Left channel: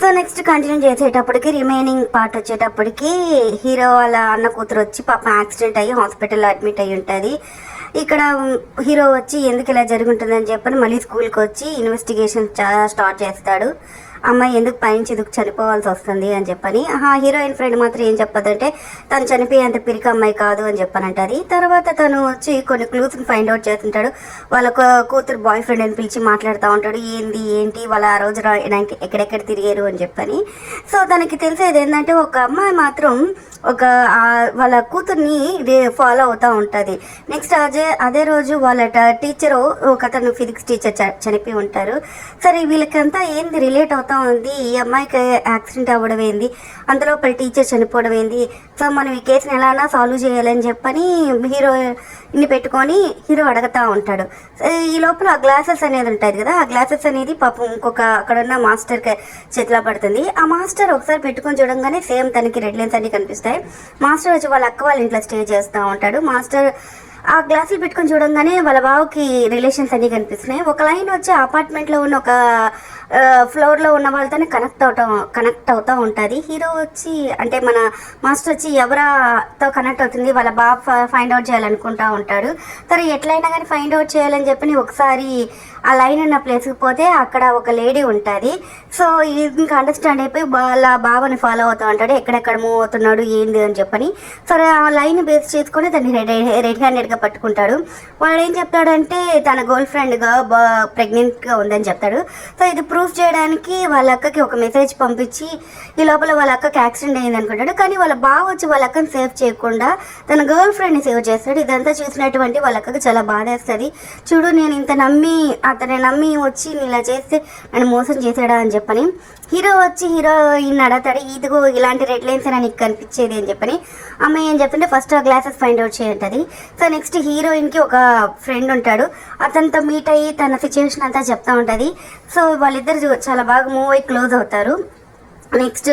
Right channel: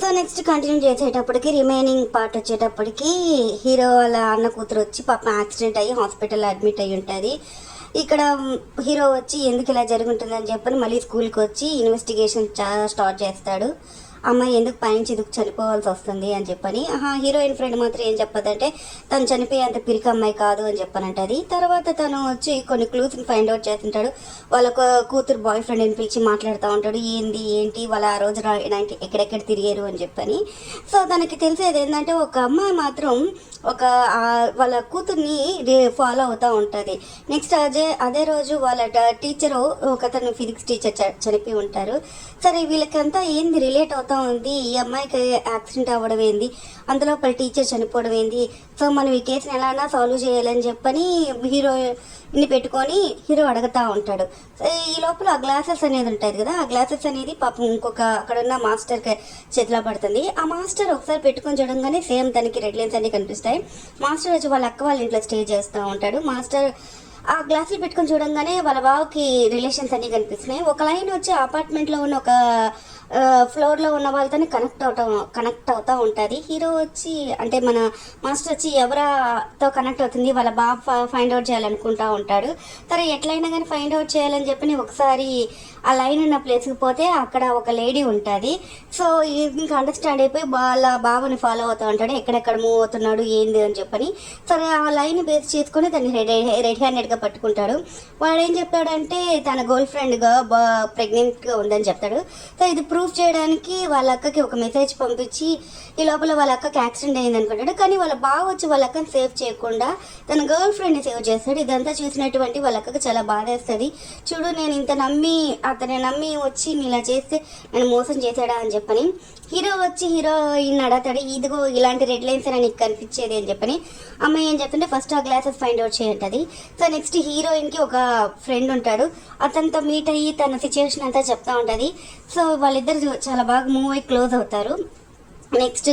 So next continue చేసేటప్పటికి remaining part వచ్చేటప్పటికి hero వాళ్ళ అన్న కూతురు వచ్చి పాపం యాక్సిడెంట్ అయ్యి హాస్పిటల్లో అడ్మిట్ అయ్యి ఉంటుంది. ఇక్కడ హీరో వచ్చి ఎందుకు ఇలా జరుగుతుందని చెప్పని మళ్ళీ స్కూల్కి వచ్చి ఇన్వెస్టిగేషన్ స్టార్ట్ చేస్తాడు. అమ్మాయి ఎందుకు పైనుంచి ఎందుకు చనిపోవాల్సి వస్తుంది అని చెప్పని. హీరోయిన్ ఫ్రెండ్ మాత్రం ఏం చెప్పదంటే తను చనిపోయేంత పిరికి అమ్మాయి కాదు అని చెప్పనంటది. తర్వాత తను వచ్చి కొన్ని క్లూస్ని ఫైండ్ అవుట్ చేస్తుంటాడు. వాళ్ళ కూతురు బాయ్ ఫ్రెండ్ అని పిలిచి మాట్లాడుతూ ఉంటాడు. ఏంటి వాళ్ళ ఆ రోజు ఎక్కడెక్కడ తిరిగారు అని చెప్పని. సో తనకి తెలిసేది ఏంటంటే ఒక అమ్మాయి మాత్రం వాళ్ళ కూతుర్ని ఫాలో అవుతూ ఉంటుంది. నెక్స్ట్ అదే రోజు వాళ్ళ టీచరు ఒకతను ఫిజిక్స్ టీచర్ చనిపోయి ఉంటారు. సరే వీళ్ళకంతా ఏంది రిలేట్ అవుతా ఉంది, ఈ అమ్మాయికి యాక్సిడెంట్ అవ్వడం ఏంది, అంతలోపల టీచర్ చనిపోవడం ఏంది, సో మనం ఈ కేసుని ఎలానా సాల్వ్ చేయాలని చెప్పని హీరోని పెట్టుకొని హీరో అడుగుతూ ఉంటాడు. ఈ లోపల ఆ గ్లాసెస్ అనేది ఉంటుంది కదా, ఆ గ్లాసెస్ అనేది పాపం ఇంకొక అక్కడున్న మాస్టర్కి చేతిలో పడుతుంది. ఆ మాస్టర్ ఒకసారి పెట్టుకొని చూడంగానే సేమ్ తనకి రెడ్ లైన్స్ అన్ని కనిపిస్తాయి. మాస్టర్ వచ్చి వాళ్ళ అక్క వాళ్ళ ఇంట్లో స్టే చేస్తూ ఉంటాడు. మాస్టర్ ఆ గ్లాసులు పెట్టుకొని చూడంగానే వాళ్ళ బావకి రిలేషన్స్ అన్నీ కనిపిస్తున్నాయి. ఒక లైన్ వచ్చి అపార్ట్మెంట్లో ఉన్న ఒక ఫ్లోర్లో ఉన్న వాళ్ళతోనే కనెక్ట్ అవుతూ ఉంటుంది. హీరో వచ్చి అంటే మన మాస్టర్ వచ్చి ఎవరితో కనెక్ట్ అవుతుంది వాళ్ళ బాబు ఫైండ్ అవుట్ చేయాలనుకుంటూ ఉంటాడు. సరే ఎట్లయినా కానీ ఫైండ్ అవుట్ చేయాలని చెప్పని ఒకసారి ఆ లైన్ ఉన్న ప్లేస్కి పోతే అక్కడ ఒక లేడీ ఉంటుంది. సో ఇంకా అండర్స్టాండ్ అయిపోయి వాళ్ళ బాబుని ఫాలో అవుతూ ఉంటాడు, ఎక్కడెక్కడ మూవ్ అవుతున్నాడు ఏంది అని చెప్పని. సరే ఆ లైన్ బేస్ చేసుకొని తను రెడ్ హ్యాండెడ్గా పట్టుకుంటాడు. వాడు ఏం చెప్తాడంటే తన గర్ల్ ఫ్రెండ్గా ప్రెగ్నెంట్గా ఉందని చెప్తాడు. సో ఇది ప్రూఫ్ చేయడానికి వాళ్ళ అక్కకి ఒక మెసేజ్ పంపించి ఈ లోపల వాళ్ళ అక్కకి యాక్సిడెంట్ అయింది అనుకుంటాడు. కానీ వాళ్ళ బావ వచ్చి వాళ్ళ అక్కని సేవ్ చేయకుండా తన గర్ల్ ఫ్రెండ్ని సేవ్ చేస్తాడు. ఇదంతా చూసినటువంటి వాళ్ళ అక్కకి చాలా బాధేస్తుంది. చూడు నేను ఇంత అతని నమ్మి వచ్చి ఇలా చేస్తే నన్ను మోసం చేశాడా అని చెప్పని. హీరో వచ్చి హీరోయిన్ అడతాడు, ఇదిగో ఇలాంటి రెడ్ లైన్స్ అని నీకు కనిపించేది అని చెప్పని. అమ్మాయి ఏం చెప్తుంటే ఫస్ట్ ఆ గ్లాసెస్ ఫైండ్ అవుట్ చేయంటది. సో నెక్స్ట్ హీరోయిన్కి ఒక ఫ్రెండ్ ఉంటాడు, అతనితో మీట్ అయ్యి తన సిచ్యువేషన్ అంతా చెప్తా ఉంటుంది. సో వాళ్ళిద్దరు చాలా బాగా మూవ్ అయ్యి క్లోజ్ అవుతారు. నెక్స్ట్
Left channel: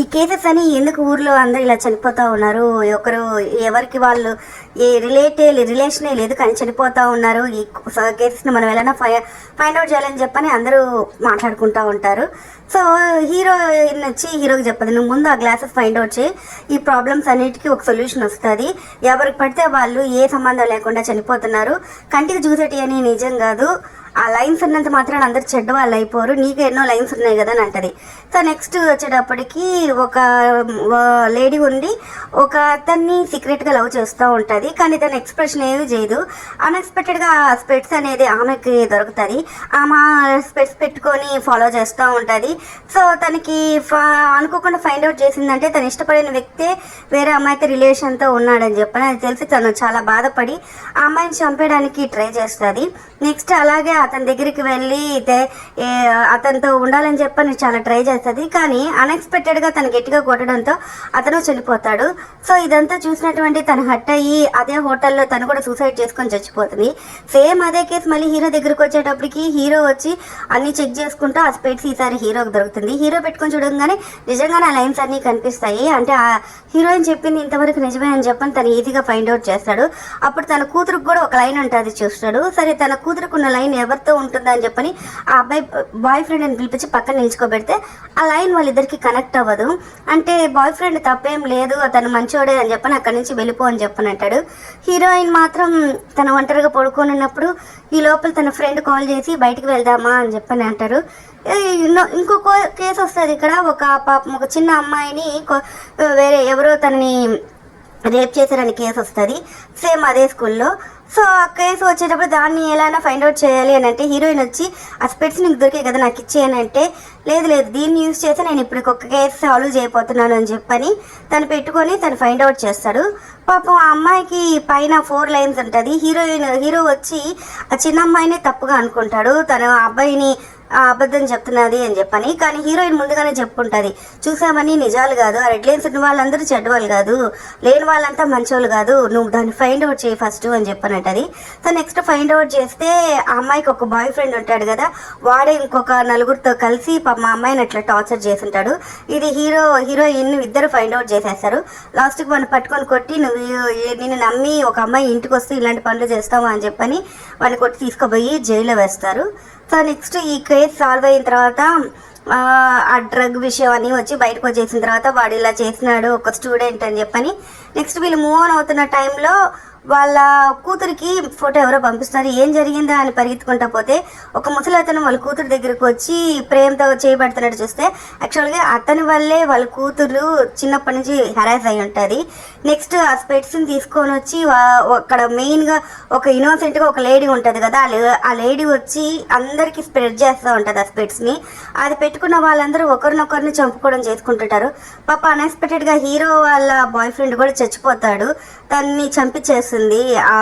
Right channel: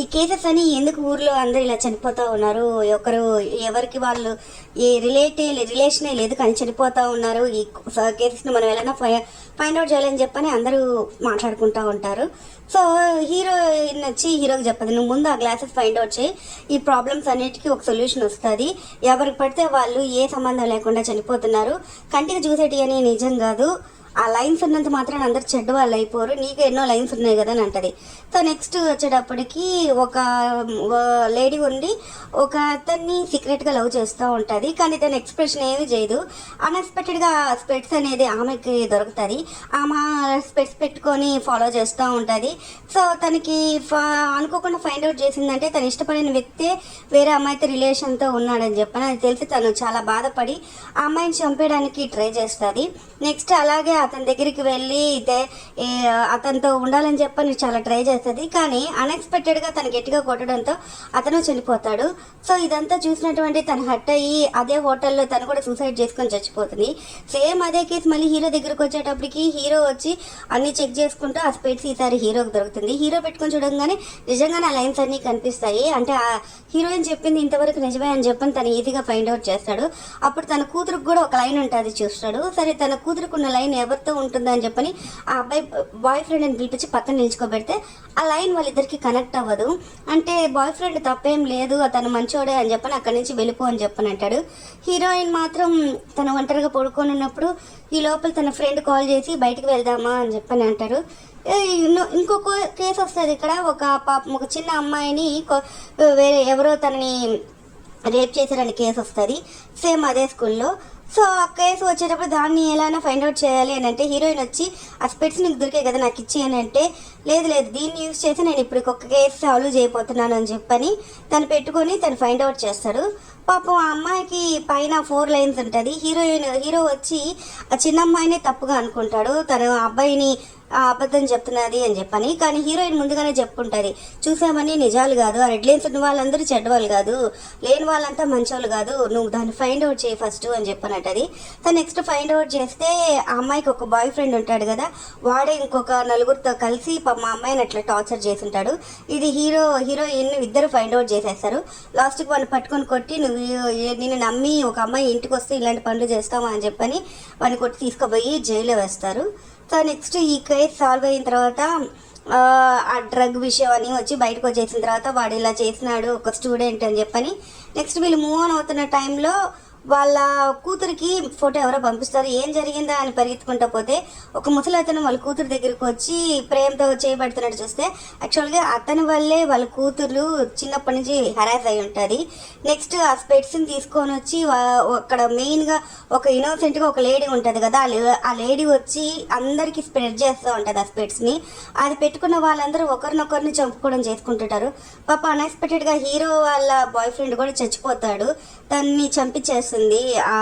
ఈ కేసెస్ అని ఎందుకు ఊర్లో అందరూ ఇలా చనిపోతూ ఉన్నారు, ఎవరికి వాళ్ళు ఏ రిలేషనే లేదు కానీ చనిపోతూ ఉన్నారు, ఈ కేసెస్ని మనం ఎలా ఫైండ్ అవుట్ చేయాలని చెప్పని అందరూ మాట్లాడుకుంటూ ఉంటారు. సో హీరోయిన్ వచ్చి హీరోకి చెప్పదు, నువ్వు ముందు ఆ గ్లాసెస్ ఫైండ్ అవుట్ చేయి, ఈ ప్రాబ్లమ్స్ అన్నిటికీ ఒక సొల్యూషన్ వస్తుంది, ఎవరికి పడితే వాళ్ళు ఏ సంబంధం లేకుండా చనిపోతున్నారు, కంటికి చూసేటి అని నిజం కాదు, ఆ లైన్స్ ఉన్నంత మాత్రం అందరు చెడ్డ వాళ్ళు అయిపోరు, నీకు ఎన్నో లైన్స్ ఉన్నాయి కదా అని అంటది. సో నెక్స్ట్ వచ్చేటప్పటికి ఒక లేడీ ఉండి ఒక అతన్ని సీక్రెట్గా లవ్ చేస్తూ ఉంటుంది. కానీ తన ఎక్స్ప్రెషన్ ఏమీ చేయదు. అన్ఎక్స్పెక్టెడ్గా స్పెట్స్ అనేది ఆమెకి దొరుకుతుంది. ఆమె స్పెట్స్ పెట్టుకొని ఫాలో చేస్తూ ఉంటుంది. సో తనకి అనుకోకుండా ఫైండ్ అవుట్ చేసిందంటే తను ఇష్టపడిన వ్యక్తే వేరే అమ్మాయితో రిలేషన్తో ఉన్నాడని చెప్పని. అది తెలిసి తను చాలా బాధపడి ఆ అమ్మాయిని చంపేయడానికి ట్రై చేస్తుంది. నెక్స్ట్ అలాగే అతని దగ్గరికి వెళ్ళి అతనితో ఉండాలని చెప్పని చాలా ట్రై చేస్తుంది. కానీ అన్ఎక్స్పెక్టెడ్గా తను గట్టిగా కొట్టడంతో అతను చనిపోతాడు. సో ఇదంతా చూసినటువంటి తను హట్ అయ్యి అదే హోటల్లో తను కూడా సూసైడ్ చేసుకొని చచ్చిపోతుంది. సేమ్ అదే కేసు మళ్ళీ హీరో దగ్గరికి వచ్చేటప్పటికి హీరో వచ్చి అన్ని చెక్ చేసుకుంటూ ఆ స్పెట్స్ ఈసారి హీరోకి దొరుకుతుంది. హీరో పెట్టుకొని చూడగానే నిజంగానే ఆ లైన్స్ అన్నీ కనిపిస్తాయి. అంటే ఆ హీరోయిన్ చెప్పింది ఇంతవరకు నిజమే అని చెప్పని తను ఈజీగా ఫైండ్ అవుట్ చేస్తాడు. అప్పుడు తన కూతురుకు కూడా ఒక లైన్ ఉంటుంది చూస్తాడు. సరే తన కూతురుకున్న లైన్ ఎవరితో ఉంటుందా అని చెప్పని ఆ అబ్బాయి బాయ్ ఫ్రెండ్ అని పిలిపించి పక్కన నిల్చుకోబెడితే ఆ లైన్ వాళ్ళిద్దరికి కనెక్ట్ అవ్వదు. అంటే బాయ్ ఫ్రెండ్ తప్పేం లేదు, అతను మంచోడే అని చెప్పని అక్కడి నుంచి వెళ్ళిపో అని చెప్పని అంటాడు. హీరోయిన్ మాత్రం తన ఒంటరిగా పడుకొని ఉన్నప్పుడు ఈ లోపల తన ఫ్రెండ్ కాల్ చేసి బయటికి వెళ్దామా అని చెప్పని అంటారు. ఇంకొక కేసు వస్తుంది ఇక్కడ. ఒక చిన్న అమ్మాయిని వేరే ఎవరో తనని రేప్ చేశారని కేసు వస్తుంది సేమ్ అదే స్కూల్లో. సో ఆ కేసు వచ్చేటప్పుడు దాన్ని ఎలా ఫైండ్ అవుట్ చేయాలి అని అంటే హీరోయిన్ వచ్చి ఆ స్పెట్స్ నీకు దొరికే కదా నాకు ఇచ్చేయని అంటే లేదు దీన్ని యూజ్ చేసి నేను ఇప్పుడు ఒక కేసు సాల్వ్ చేయబోతున్నాను అని చెప్పని తను పెట్టుకొని తను ఫైండ్ అవుట్ చేస్తాడు. పాపం ఆ అమ్మాయికి పైన 4 లైన్స్ ఉంటుంది. హీరో వచ్చి ఆ చిన్న అమ్మాయినే తప్పుగా అనుకుంటాడు, తన అబ్బాయిని అబద్ధం చెప్తున్నది అని చెప్పని. కానీ హీరోయిన్ ముందుగానే చెప్పుకుంటుంది, చూసామని నిజాలు కాదు, ఆ రెడ్ లైన్స్ ఉన్న వాళ్ళందరూ చెడ్డవాళ్ళు కాదు, లేని వాళ్ళంతా మంచోళ్ళు కాదు, నువ్వు దాన్ని ఫైండ్ అవుట్ చేయి ఫస్ట్ అని చెప్పనట్టది. సో నెక్స్ట్ ఫైండ్ అవుట్ చేస్తే ఆ అమ్మాయికి ఒక బాయ్ ఫ్రెండ్ ఉంటాడు కదా, వాడే ఇంకొక నలుగురితో కలిసి మా అమ్మాయిని అట్లా టార్చర్ చేస్తుంటాడు. ఇది హీరోయిన్ ఇద్దరు ఫైండ్ అవుట్ చేసేస్తారు. లాస్ట్కి మనం పట్టుకొని కొట్టి నిన్ను నమ్మి ఒక అమ్మాయి ఇంటికి వస్తే ఇలాంటి పనులు చేస్తావా అని చెప్పని వాడిని కొట్టి తీసుకుపోయి జైల్లో వేస్తారు. సో నెక్స్ట్ ఈ కేసు సాల్వ్ అయిన తర్వాత ఆ డ్రగ్ విషయం అని వచ్చి బయటకు వచ్చేసిన తర్వాత వాడు ఇలా చేసినాడు ఒక స్టూడెంట్ అని చెప్పని నెక్స్ట్ వీళ్ళు మూవ్ ఆన్ అవుతున్న టైంలో వాళ్ళ కూతురికి ఫోటో ఎవరో పంపిస్తారు. ఏం జరిగిందో అని పరిగెత్తుకుంటా పోతే ఒక ముసలతను వాళ్ళ కూతురు దగ్గరకు వచ్చి ప్రేమతో చేయబడుతున్నట్టు చూస్తే యాక్చువల్గా అతని వల్లే వాళ్ళ కూతురు చిన్నప్పటి నుంచి హెరాస్ అయి ఉంటుంది. నెక్స్ట్ ఆ స్పెట్స్ని తీసుకొని వచ్చి అక్కడ మెయిన్గా ఒక ఇన్నోసెంట్గా ఒక లేడీ ఉంటుంది కదా, ఆ లేడీ వచ్చి అందరికీ స్ప్రెడ్ చేస్తూ ఉంటుంది ఆ స్పెట్స్ని. అది పెట్టుకున్న వాళ్ళందరూ ఒకరినొకరిని చంపుకోవడం చేసుకుంటుంటారు. పాప అన్ఎక్స్పెక్టెడ్గా హీరో వాళ్ళ బాయ్ ఫ్రెండ్ కూడా చచ్చిపోతాడు, తన్ని చంపించేస్తుంది ఆ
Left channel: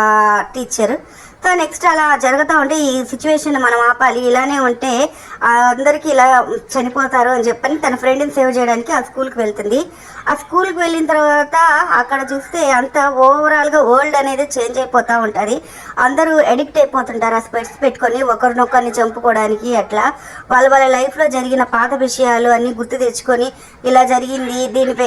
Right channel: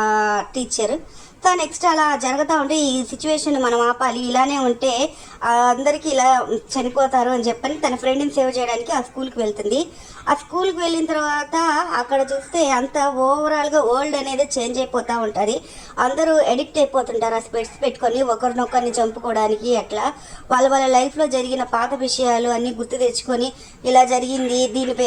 టీచర్. సో నెక్స్ట్ అలా జరుగుతూ ఉంటే ఈ సిచ్యువేషన్ మనం ఆపాలి, ఇలానే ఉంటే అందరికీ ఇలా చనిపోతారు అని చెప్పని తన ఫ్రెండ్ని సేవ్ చేయడానికి ఆ స్కూల్కి వెళ్తుంది. ఆ స్కూల్కి వెళ్ళిన తర్వాత అక్కడ చూస్తే అంత ఓవరాల్గా వరల్డ్ అనేది చేంజ్ అయిపోతూ ఉంటుంది. అందరూ ఎడిక్ట్ అయిపోతుంటారు ఆ స్పెట్స్ పెట్టుకొని ఒకరినొకరిని చంపుకోవడానికి. అట్లా వాళ్ళ లైఫ్లో జరిగిన పాత విషయాలు అన్నీ గుర్తు తెచ్చుకొని ఇలా జరిగింది,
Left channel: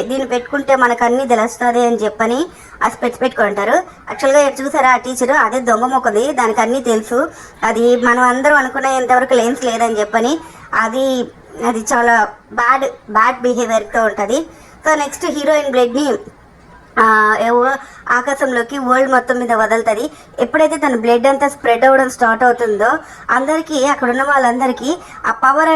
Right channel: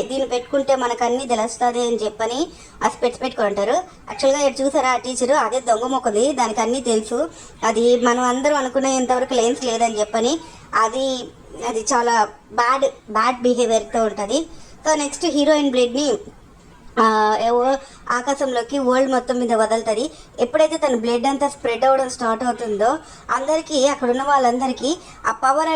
దీన్ని పెట్టుకుంటే మనకు అన్నీ తెలుస్తుంది అని చెప్పని ఆ స్పెట్స్ పెట్టుకుంటారు. యాక్చువల్గా చూసారా ఆ టీచరు అదే దొంగ మొక్కది, దానికి అన్నీ తెలుసు. అది మనం అందరూ అనుకునేంతవరకు లెన్స్ లేదని చెప్పని అది చాలా బ్యాడ్ బిహేవియర్తో ఉంటుంది. సో నెక్స్ట్ హీరోయిన్ బ్లేడ్ని ఆకాశంలోకి వరల్డ్ మొత్తం మీద వదులుతుంది. ఎప్పుడైతే తన బ్లడ్ అంతా స్ప్రెడ్ అవ్వడం స్టార్ట్ అవుతుందో అందరికీ అక్కడ ఉన్న వాళ్ళందరికీ ఆ పవర్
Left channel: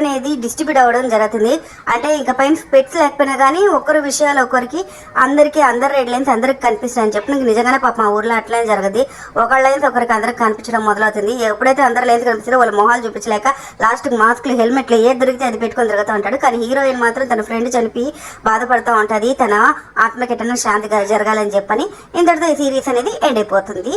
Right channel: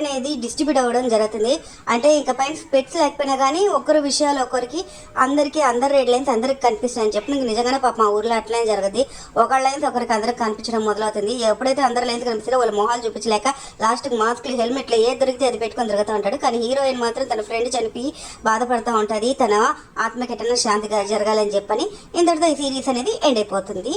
అనేది డిస్ట్రిబ్యూట్ అవ్వడం జరుగుతుంది. అంటే ఇక పైన స్పెట్స్ లేకపోయినా కానీ ఒకరి విషయాలు ఒకరికి అందరి రెడ్ లైన్స్ అందరికి కనిపిస్తాయని చెప్పి నీకు నిజంగానే పాప మా ఊర్లో అట్లనే జరుగుతుంది. ఒకళ్ళ లైన్స్ ఒకరికి అందరికి కనిపించడం మొదలవుతుంది. ఎప్పుడైతే అందరి లైన్స్ కనిపిస్తుందో వాళ్ళ మొహాలు చూపించలేక లాస్ట్కి మాస్క్లు హెల్మెట్లు ఏది దొరికితే అది పెట్టుకొని తిరుగుతూ ఉంటాడు. కానీ హీరోయిన్ మాత్రం తన ఫ్రెండ్ చనిపి బాధపడుతూ ఉంటుంది, తన ఆత్మకి ఎటన్నా శాంతిగా జరగాలని చెప్పని. ఇంతటితో ఈ సిరీస్ అనేది ఎండ్ అయిపోతుంది.